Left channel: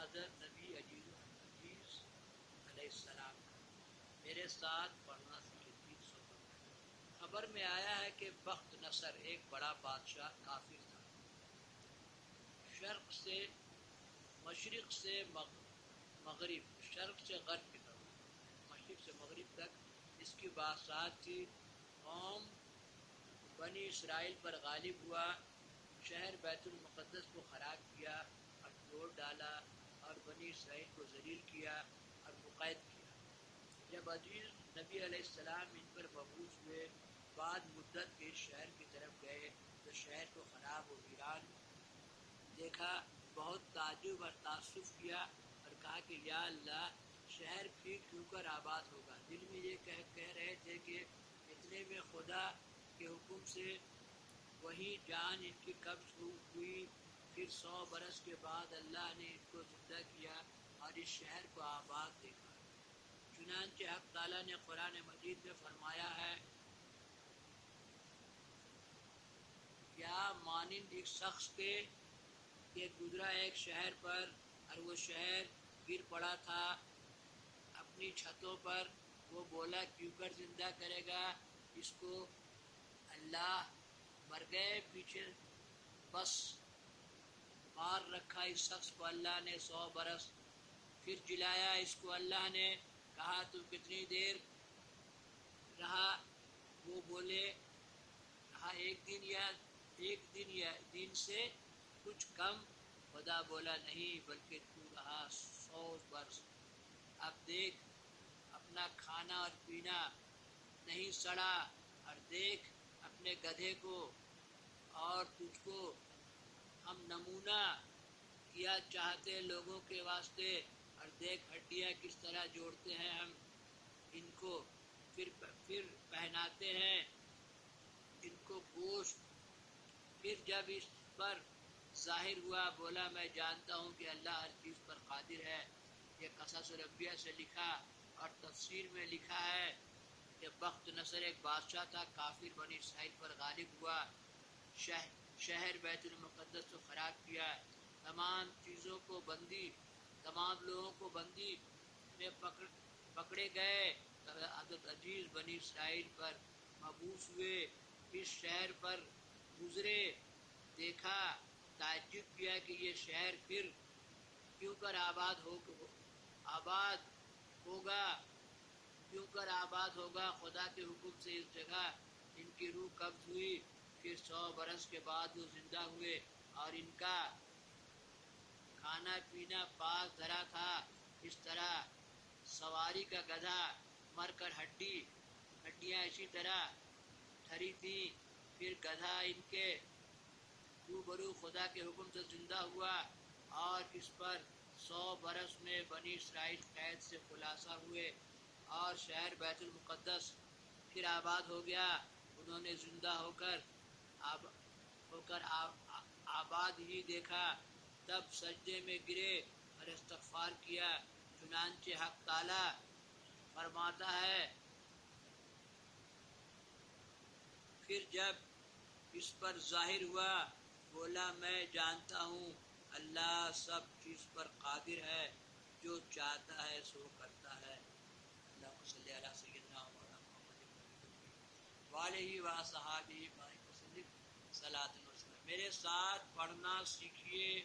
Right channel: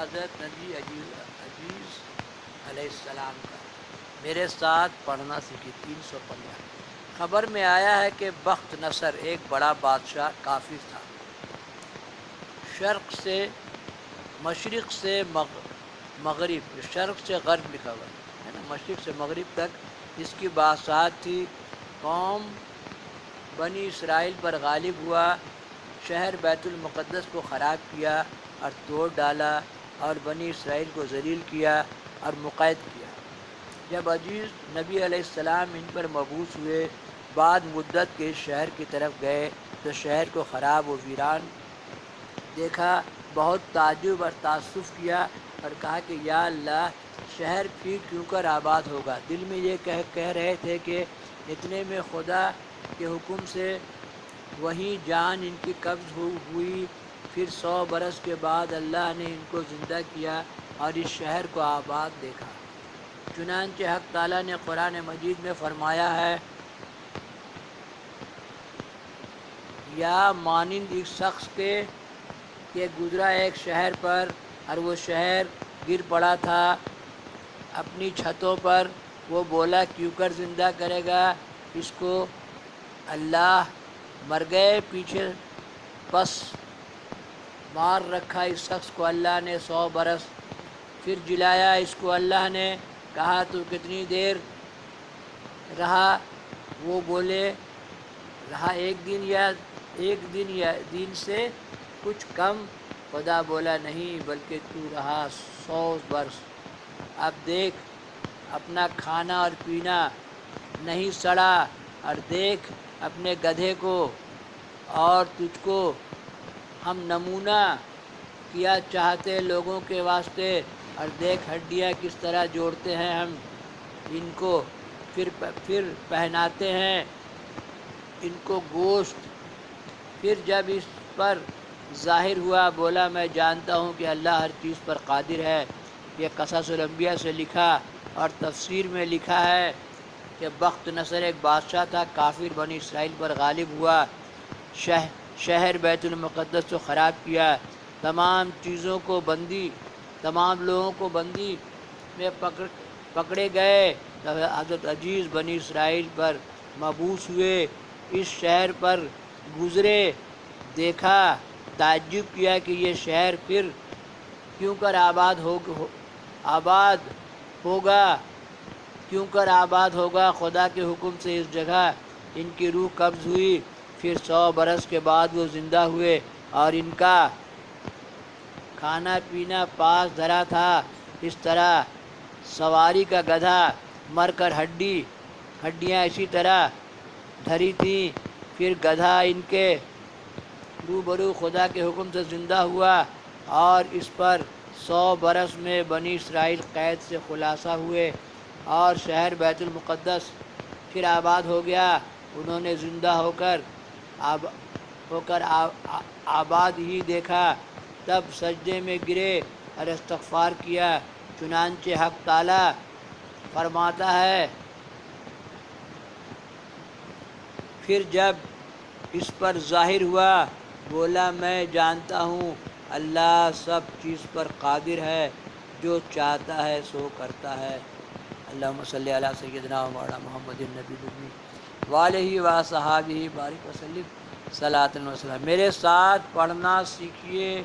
حضرت نبی عزیز علیہ السلام کا، میرے ساتھ پڑھنا سیکھی۔ 315 خبر میں آیا ہے کہ بخت نصر ایک بڑا بادشاہ کافر تھا، شرق سے مشرق سے مغرب، شرق سے غرب لکھا ہوا ہے نا، مشرق سے مغرب تک اس کی بادشاہت تھی۔ قوم بنی اسرائیل پر غالب ہوا، شہر بیت المقدس کو خراب کیا اور توڑ ڈالا، اور بنی اسرائیل کو ذلیل کیا اور مقید کیا۔ جب عزیز نبی علیہ السلام ان پر مبعوث ہوئے، بعد مدت کے اس شہر کی طرف گئے تو شہر کو خراب و ویران دیکھا، بہت تعجب اور تأسف کیا اور کہا کہ یا اللہ، شہر پھر کیوں کر آباد ہوگا۔ دل میں یہ کہہ رہے تھے کہ اتنے میں خدا کے حکم سے وہیں جان ان کی قبض ہوئی، پھر 100 برس کے بعد اللہ نے ان کو زندہ کیا اور اس شہر کو آباد دیکھا۔ چنانچہ حق تعالیٰ نے قرآن مجید میں فرمایا ہے، یا مانند ایک شخص کے کہ گزرا ایک شہر پر اور وہ شہر گر پڑا تھا اپنی چھتوں پر، وہ بولا کیوں کر زندہ کرے گا اس کو اللہ، مر گئے پیچھے، پس مار رکھا اس شخص کو اللہ نے 100 برس، پھر جلایا اس کو اللہ نے، کہا تو کتنی دیر رہا، وہ بولے رہا ایک دن سے کچھ کم، خدا بولا نہیں بلکہ تو رہا 100 برس۔ اب دیکھ اپنا کھانا اور پینا نہیں سڑا، اور دیکھ اپنے گدھے کو، اور تجھ کو ہم نمونہ کیا چاہتے لوگوں کے واسطے، اور دیکھ ہڈیاں کس طرح جوڑتے ہیں ہم ان کو، پھر پہناتے ہیں ان کو گوشت۔ پھر جب اس پر ظاہر ہوا، بولا میں جانتا ہوں کہ اللہ ہر چیز پر قادر ہے۔ یہ قصص الانبیاء سے لکھا اور تفسیر میں لکھا ہے کہ بخت نصر ایک بادشاہ تھا، کافر بنی اسرائیل پر غالب ہوا، شہر بیت المقدس کو خراب کیا، تمام لوگوں کو بندی میں پکڑے گئے۔ حضرت عزیز بنی اسرائیل پر مبعوث ہوئے، اس شہر پر گزرے، دیکھا، تعجب کیا کہ یہ شہر پھر کیوں کر آباد ہوگا، خدا کے حکم سے اس جگہ ان کی روح قبض ہوئی، پھر 100 برس کے بعد وہ زندہ ہوئے، اور ان کا کھانا پینا پاس دھرا تھا، اس طرح سواری کا گدھا مر کر ہڈیاں اسی طرح دھری تھیں، پھر گدھا ان کے روبرو خدا کے حکم سے زندہ ہوا، اور اس پر 100 برس میں بنی اسرائیل قید سے خلاصہ ہوئے، اور شہر بیت المقدس پھر آباد ہو گیا۔ انہوں نے زندہ ہو کر آباد ہی دیکھا، تب سجدے میں گرے اور استغفار کیا۔ چنانچہ حق تعالیٰ فرماتا ہے، پھر جب اس پر ظاہر ہوا، بولا میں جانتا ہوں اللہ سب چیز پر قادر ہے، جو چاہتا ہے سو کرتا ہے۔ اللہم صلی علی سیدنا و مولانا محمد النبی الأمی وآلہ وصحبہ بارک وسلم صلاۃ و سلام۔ میرے ساتھ پڑھنا سیکھیے۔